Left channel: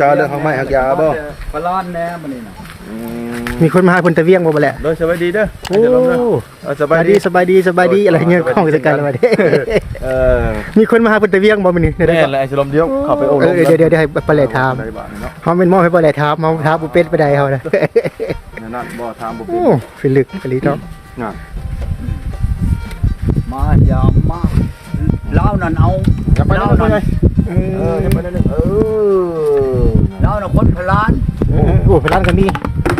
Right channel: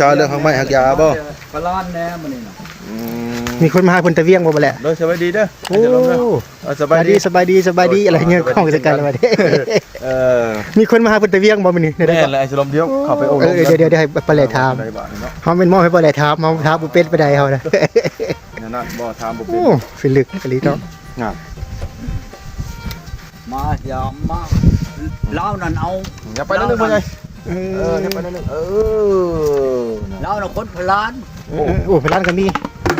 ษาเรื่องของไม้หักยาบ่ พลานแน่มื้อนี้น่ะ มีคนมาหาเพิ่นตะเวียงบ่แหละ โดยสบายดีเด้อ โอ้ จะลงเด้อสบายดี สบายดีอะไรเงี้ยของจัดการแล้วบัดนี้ มีคนมาหาเพิ่นตะเวียงบ่มื้อนี้ได้ แน่ บ่ แหละไอ้สลมเดียวเข้าไปโอ้ เดี๋ยวให้ปลาแหล่ถามเฮาเป็นหม้อให้ปลาแหล่ถามเฮาถามบ่เป็นไปได้เฮานะ นั่นบ่ถามบ่ โอ้ฟิลึกกะลีเนาะ น่ะ มายามมาลาวนั่นเอา อย่าไป ลาว นั่น นั่น อย่าไปนั่นลาวน่ะคนพลาน โอ้พลานก็มี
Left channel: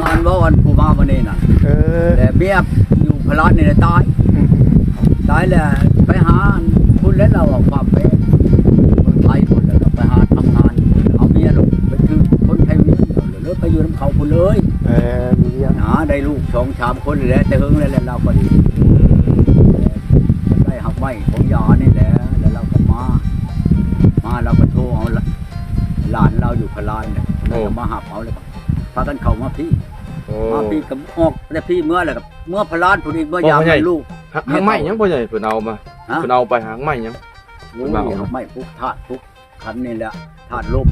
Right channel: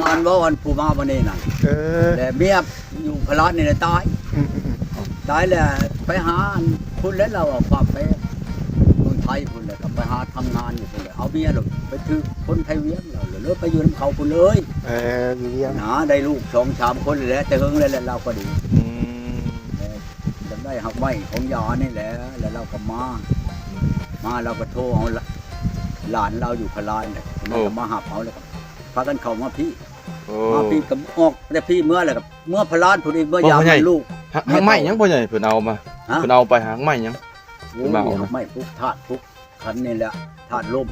งานว่าวันผู้มาวันนี้น่ะ แต่เมียอยู่พลานนี่แหละตายแล้วไปหาพุ่นแล้วเราเอาความไปเมืองไทยพุ่นแล้วก็ไปหาทำงานเอาเมียลงไปคือคนไทยเวียงแล้วไปอยู่น้ำเขาพุ่นเลย มีเวียง หาได้ลูก2-3คนเลยแหละแต่เฮิงแล้วเราก็ดีจะได้หักไม้ของยานี่แหละแล้วเราก็มาเราก็โทรเอาหลานเราอยู่พลานเนี่ยเราก็มาหับเอาแล้วก็พากันเข้ามาพี่มาพี่กับออกแต่พี่เมื่อแล้วกับเมื่อพลานพุ่นอีกเมื่อยามให้ลูก หางไม้ยังบ่ใหญ่เพิ่นเอามาเพิ่นเอาไปหางไม้ยัง โอ้ยหักไม้ปุ๊กธาตุปุ๊กขันนี่แหละธาตุลม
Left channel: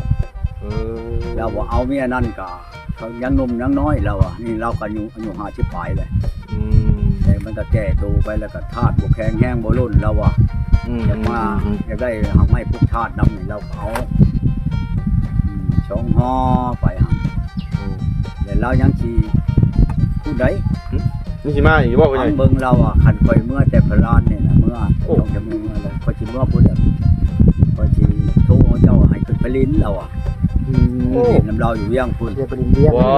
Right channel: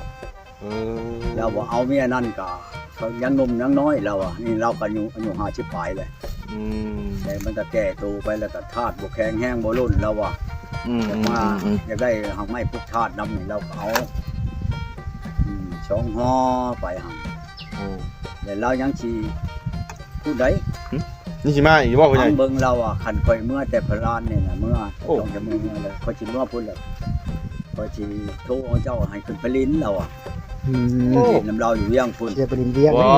แล้วว่าเอาเมียนั่นก็เขายังหนุ่มยังน้อยเราอ่ะนี่เราก็อายุ50ปลายเลยแต่มันก็แก่โตไปแล้วก็ธาตุบ่แข็งแห้งบ่ล้นเราอ่ะจะมาอยากได้หักไม้ปุ๊กธาตุนำนี่เราก็เอาช่องห่อไปหั่นแล้วเรายังสิผู้ใด นี่สิมาอีกบ่พ่อให ทา ญ่ งเบิ่งเราอ่ะคันข่อยเมื่อแต่พลานนี่น่ะเมื่อต้องจะเมื่อเลยข่อยสิเมื่อพุ่นแล้วข่อยสิโทรเอาเจ้าให้ขึ้นไปลิ้นเราอ่ะลิ้นน้ำเราอยู่เวียงพุ่น เดี๋ยวไปดินเวียง ว้า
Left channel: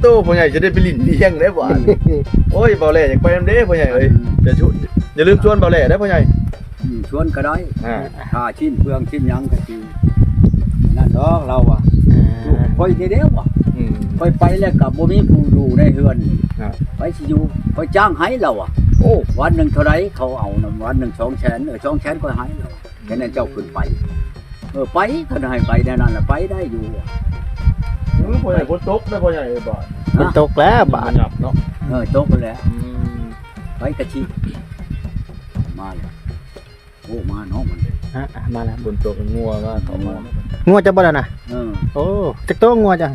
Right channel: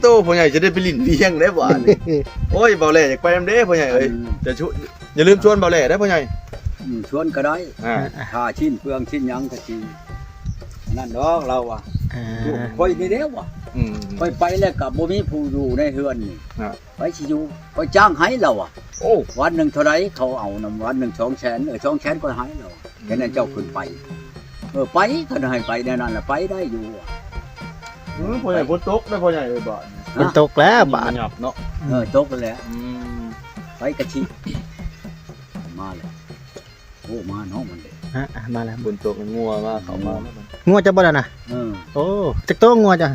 โตพ่อใหญ่จะได้ไปลิ้นเวียงได้บ่โอ้ยเบาแหล่อยากไปนำเด้พ่อใหญ่เอ้ยอย่าลืมชวนเบาแหล่ได้พ่อใหญ่ ชวนก็ได้ค่าชิ้นเปลืองชิ้นหยังก็สินั่นดอกเราอ่ะข่อยนี่เด้อว่ะข่อยไปแล้วก็บ่มีผู้อยู่ในเฮือนนี่ไปสิอยู่ข่อยจ้างให้เราอ่ะ โอ้ วันหนึงเท่าไรเขาเอานำวันหนึง200,000 200,000ก็ให้เราแค่นั้นเจ้าขึ้นไปไปก็ให้ไปแน่นั่นล่ะไปได้อยู่อ่ะ พ่อใหญ่ฝนตกได้พ่อใหญ่บ่ มันตกแล้วบาด เนาะ ตกไปแล้วไปกระชิมาเลยโอ้มาน้องมันเลย มาแล้ว ฝนตกงัวมาเข้ามา งัวจะบ่ล่ะนะ โอ้จักโตงัวจ้ะ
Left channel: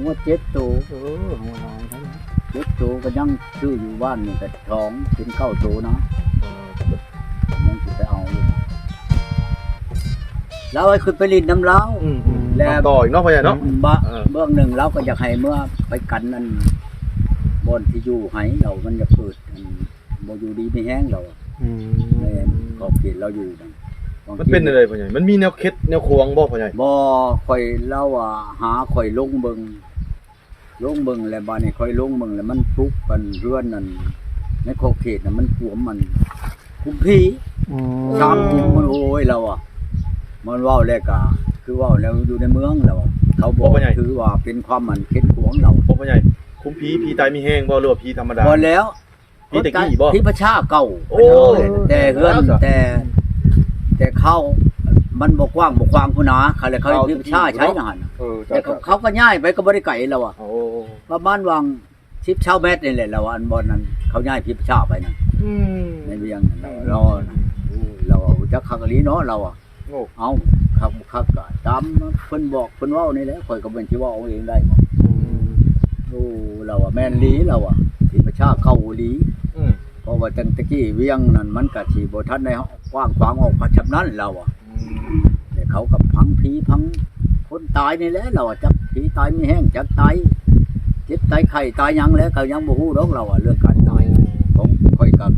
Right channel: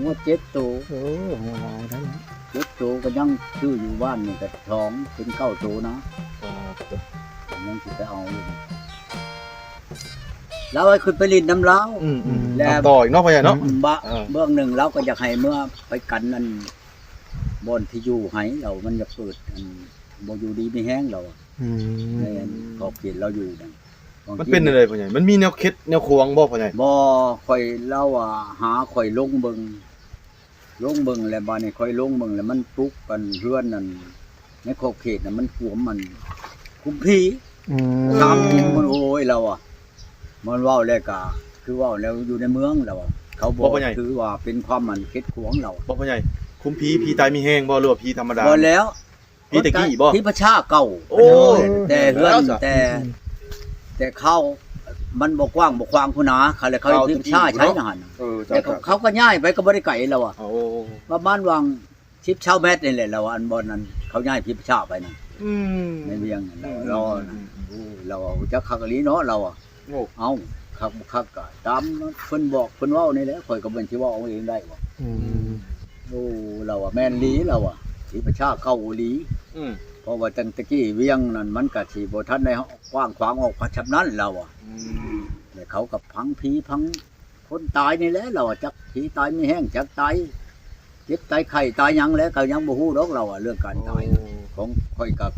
งัว7 ตัว โอ้งัวน้อยทั้งนั้น 7 ตัวก็ยังชื่ออยู่บ้านนี่ก็ท้องเป็น9 ตัวนะยังสิไปเอาแล้วไอ้ขึ้นไปลินน้ำเล้า แล้วต่ออีกเนาะพ่อใหญ่เนาะ เบื้องหนึ่งเราก็อยากให้เมื่อไปกันนั่นบอนที่อยู่ให้เรามันจะเปิดบ่อยู่ดีไม่แห้งเราในขอบเขตเราอยู่นั่น มันเป็นอะไรพ่อใหญ่มันมีแนวเคล็ดแนวควงบ่พ่อใหญ่ บ่ค่อยเล่าว่าหาค่อยลงเบิ่งแล้วบ้านนี้ค่อยลงเบิ่งแล้วมันปลุกกันเรือนนั่นในขอบเขตน่ะมันกวมมันคุมผีตามจริงมันโอ้ยเราอ่ะมันเว้าแล้วก็คือเว้าแล้วอยู่ในเมืองเราเขาบอกถือว่าเป็นความมันเคล็ดขวงเรา พ่อใหญ่คุมผีตายมีแห้งบ่หรือว่าผีธรรมดา พอแล้ว ผีตะกี้บ่ ผีประชาเก่า โอ้ย แต่เฮือนแต่เข้ามันบ่กว้างบ่ควางพุ่นนะเขาเลยเขาผีประชาใช้นะหั่นแต่เขาก็ย้ายไปก็บ่ได้ไกลแล้วอ่ะ โอ้ ประมาณวาง10ชาวเมตรนี่แหละเราอันบ่นั้นเขาย้ายผีประชาไปนั่นในเวียงนั่นเราเราจักคักอีหลีเนาะเราอ่ะเอาคักบ่คักก็ตามเพิ่นบอกเพิ่นเว้านี่แหละข่อยก็เป็นสิเว้าเอาเองได้บ่โอ้เราอ่ะแม่นลีเราอ่ะผีประชาเข้าอีหลีเพราะว่าตั้งแต่กี้เวียงนั่นมันก็สิบ่ทันได้กว้างขวางออกพัชนั้นเราอ่ะแต่เขากับพังผีพังคนตายนี่แหละเราอ่ะจักผีตายมีแห้งจักตายเจ็บตายไข้ตายหยังแล้วก็ยังบ่ฮู้ดอกเราอ่ะเรื่องการตายของค่อยกับ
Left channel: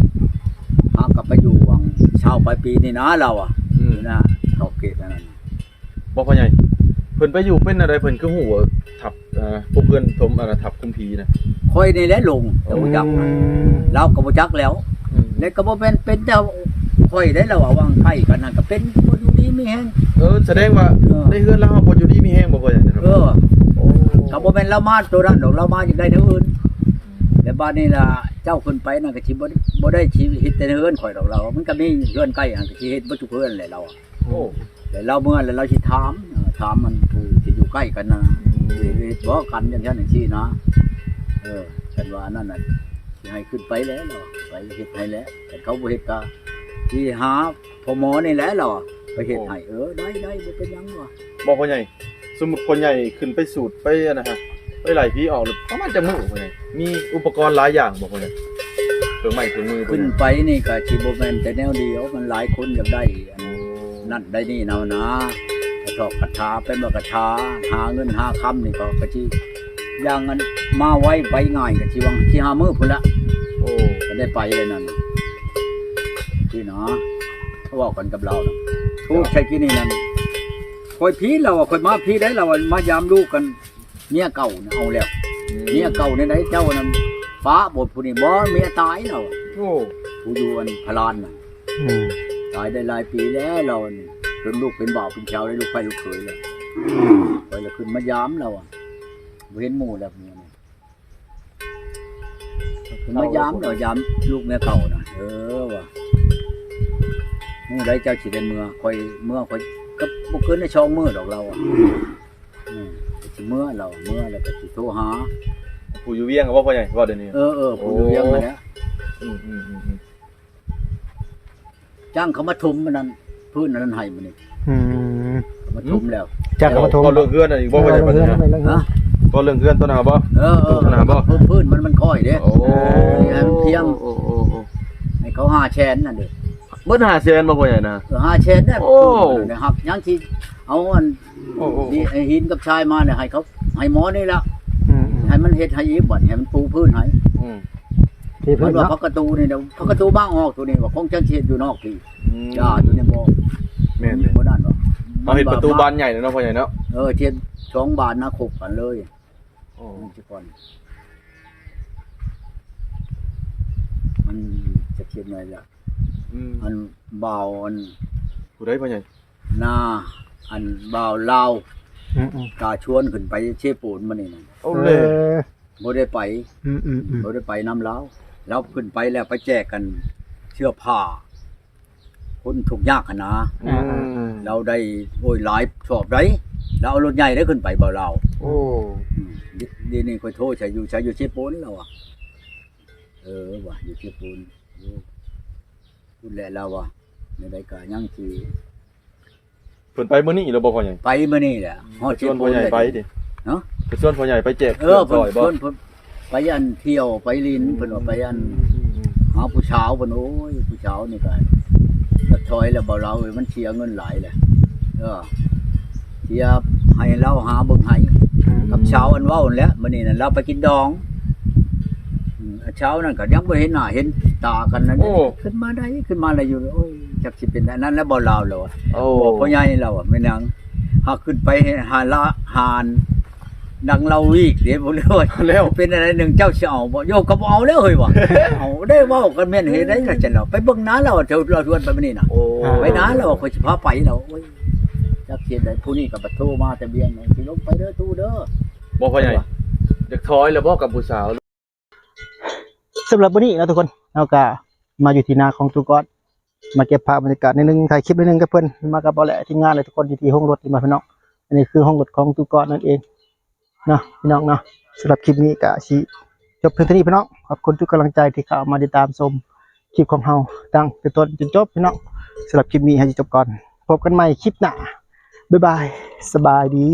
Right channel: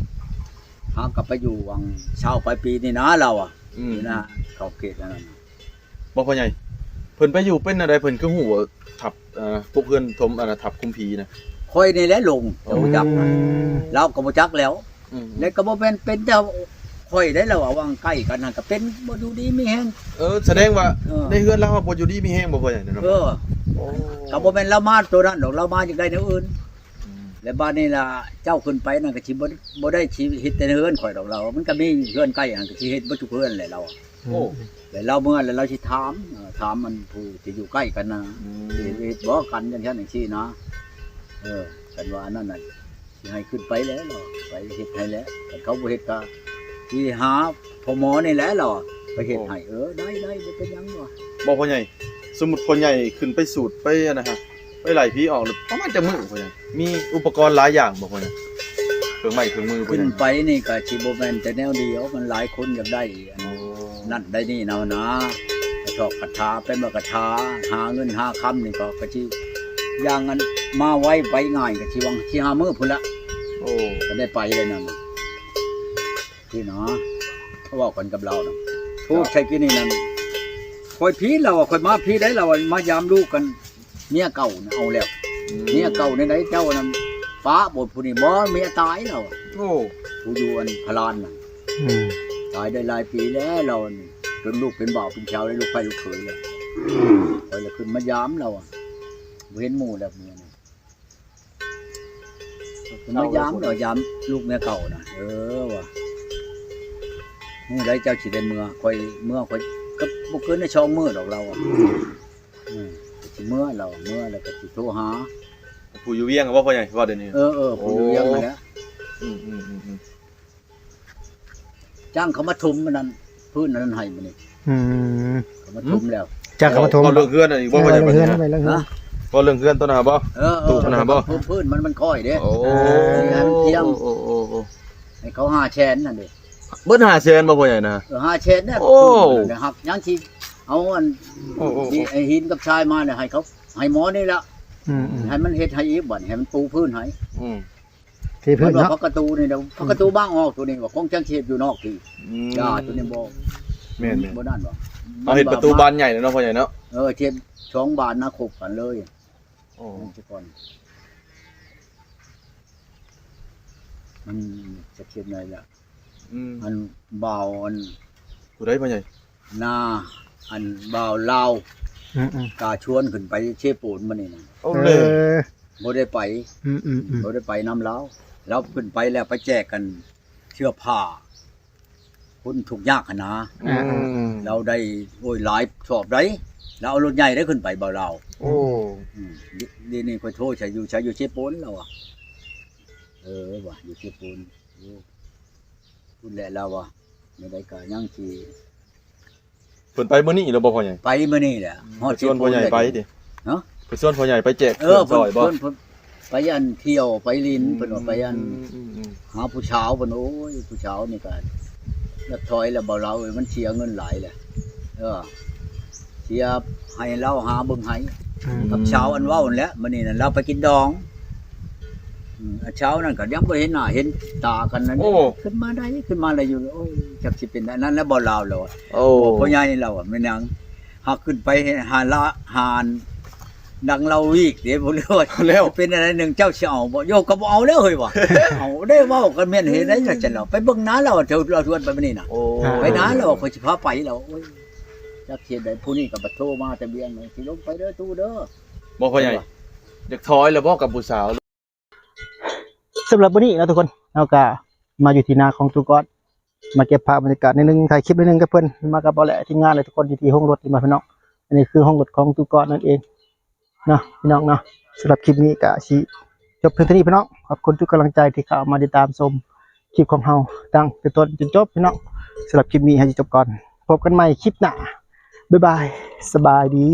หากลับไปอยู่วังเช้าปลายปีนี่นะเราอ่ะนี่นะขอบเขตนั่นน่ะ บ่พ่อใหญ่เพิ่นไปอยู่เป็นอะไรเพิ่นคือฮู้ว่าทับพวกเพื่อนทมทับคุมผีนะ ค่อยนี่แหละลงแต่บ่จักเราก็บ่จักแล้วแล้วก็บ่แม่นเป็นแต่ค่อยได้แล้วว่าวางใกล้กันนั่นก็เป็นบ่อยู่ดีมีแฮง แสดงว่าในเฮือนเราบ่อยู่ดีมีแห้งบ่พ่อใหญ่ ก็บ่แม่นเรามาตัวนั้นดอกเรามาจากใดแนวอื่นแล้วบ้านนี้ล่ะเจ้าขึ้นไปนั่นก็สิบ่ได้ชีวิตแต่เฮือนข่อยดอกเรามันก็มีเฮือนใกล้หั่นก็สิเฮ็ดบ่ทุกเฮือนแหละเราแล้วเราเมื่อแล้วเราสิถามมันผู้ที่อยู่ใกล้กันนะสิเฮ็ดบ่กันจังซั่นจังซี่นะกันว่านั่นน่ะสิให้ขึ้นไปแล้วเราไปเฮ็ดให้แล้วแต่เขาบ่เฮ็ดก็สิหาพ่อหมอนี่แหละเราไปเฮ็ดให้ได้บ่เป็นหยังวะ บ่พ่อใหญ่ สมมุติพ่อใหญ่ขึ้นไปสูตรไปนะฮะไปไล่ผีออกหรือประมาณจะมื้อพ่อใหญ่มีอุปกรณ์หลายอย่างบ่พ่อใหญ่เครื่องไม้เครื่องมือ ขึ้นไปนี่ก็สิบ่แม่นแต่แนวเดียวมันหลายคนอยากได้อันนั่นได้นี่เนานะกระทอกกระทาเป็นว่ากระทาหาเงินหาคำนี่ก็สิอย่างนั้นมาไว้ไปง่ายก็สิวังสิหามื้อพุ่นละ โอ้ ก็ได้ไปเลยนั่นที่เนาะเขาบอกกันกับเราเนาะทุกใช้กินนี่นั่นคอยพีเราคอยมาพีได้เรามายามลูกกันเมียเก่าเนี่ยเอาแล้วเมียเก่าในไหนเจ้านั่นฟ้าบทผู้นี้บ่เมียตายเรา โอ้ ผู้อยู่อันพลานน่ะตายได้หลายปีแล้วเราจนลูกเป็นบ่าวเป็นชาวได้ลูกไฟลูกเขยเลยคอยละขึ้นมายามเราเห็นหมู่แล้วเมียนี่ขึ้นมายามเรายามลูกเมียเก่าน่ะว่ะมื้อใดเจ้าสิได้เมื่อคอยก็บ่เกินในช่องมื้อดอกเราสิเมื่อเราเมื่อแล้วก็สิโทรหา ผู้อยู่เวียงบ่พ่อใหญ่ว่าเดี๋ยวนี้ ผู้อยู่ยังนั่นแหละ อืม จ้างเขามาทุมมันนั่นพื้นนั้นให้มันนี่เขามาทุมแล้ว จากเขามาทม เอาเรื่องเฮือนอีกบ่พ่อใหญ่ เรื่องเฮือน ฮะ ก็เรื่องเฮือนตัวน่ะบ่ พื้นมันค่อยเด้ โอ้ ให้มันเพียง โอ้ ให้เขา5แสนนั่นเด้ เบิด5แสนบ่พ่อใหญ่นะ 5แสนได้ โอ้ พื้นนั่นหักยังสิเอาอัน โอ้ นี่ไอ้หินกับชายมาเนี่ยให้เขาให้หมอนี่ละให้มันเฮ็ดให้อีกบัดให้มันปูพื้นให้ ที่ มั พื้ น น ว่า เนาะ พักประตูนี่เดี๋ยวพักประตูบ้างออกตัวนี้ว่าคงจังสิเฮ็ดอยู่นอกพี่ย่าตัวนี้บ่ แม่น บ่นั่นบ่ มาเฮ็ดประตูบานใหญ่แล้วเนาะพ่อใหญ่เนาะ เทียบ2 บานนะคบกันเลย โอ้ นั่นสิก่อนมันจะเขียนไงล่ะอันบ่าวอัน ผู้ใดพ่อใหญ่ นาอันบ่าวลาวกาชวนขึ้นไปเชปูนมานี่น่ะ โอ้เลย บ่ได้ไปบ่ได้ไปนำลาวแล้วขึ้นไปแล้วไปแจกกันเสื้อผ้าคนทุกข์ยากนะเราได้โอ้ยหลายชอบได้เราเอารถใหญ่ได้ขึ้นไปบ่าวลาว โอ้ ดีนี่ค่อยโทรใช้อยู่เชปูนแล้วว่ะว่ะอยู่เชปูนพูดแหละเราว่ะในใดก็ยังสิ เพิ่นไปมื้อนี้แล้วบ่พ่อใหญ่ ไปมื้อนี้แหละฮอดเช ชวน ปู พ่อน ใหญ่ ได้ ไปดิ เนาะ เพิ่นชวนพ่อใหญ่ไปแจก เพิ่น บ่ ไปอันเที่ยวไปลินเพิ่นว่าไปอันหาผู้สาวเพิ่นโอ้ยผู้สาวนี่ก็จักถอยแล้วบ่เรามันเสียเงินหลายแหละเสียให้เราหาเบิ่งให้กับเช้าอันเว้านั่นแหละมื้อนี้นั่นเราไปกินดองเช้านั่นก็ยังบ่เห็นหน้าเห็นตากันนั่นขึ้นมาได้ขึ้นมาอะไรอยู่โอ้ยจักสิเป็นนั้นแล้วบ่ลาวแล้วบ่พ่อใหญ่เราแม่นางหากขึ้นไปหาละหานดังเราอีกเดี๋ยวบ่รู้แล้วเป็นอะไรหนึ่งเจ้าสิเอาบ่โยกก็บ่เอาแล้วเฮ้ยว่ะเอาได้เว้ากันแม่นเฮ็ดได้จังเราไปเบิ่งน้าเราเดี๋ยวเราชวนไปมื้อนี้น่ะไปน้าเราค่อยสิพาไปแล้วโอ้ยจักเฮ็ดได้ผู้นี้ก็บ่โทรมาแต่เบียงสิลงไปเด้อตู้เด้อ บ่พ่อใหญ่อยากถอยแล้วบ่กับผู้สาว สำหรับวันนี้นะทุกคนเราก็มาอยู่ที่นาของตุกอดมาเก็บภาพบรรยากาศนิดนึงถ่ายคลิปนิดนึงกับเพื่อนมากับเบาแหละที่งานเลยทุกคนที่ห้องรถที่มาพี่น้องอันนี้คือห้องรถของตุกอดนั่นเองเนาะพี่น้องเนาะสำหรับคลิปนี้ก็สิจบเพียงเท่านี้พี่น้องขอบคุณทุกกำลังใจที่เข้ามาติดตามชมคลิปของเราตั้งแต่ต้นจนจบพี่น้องสำหรับคลิปนี้ให้จบก่อนพบกันใหม่คลิปหน้าบ๊ายบายสบายดี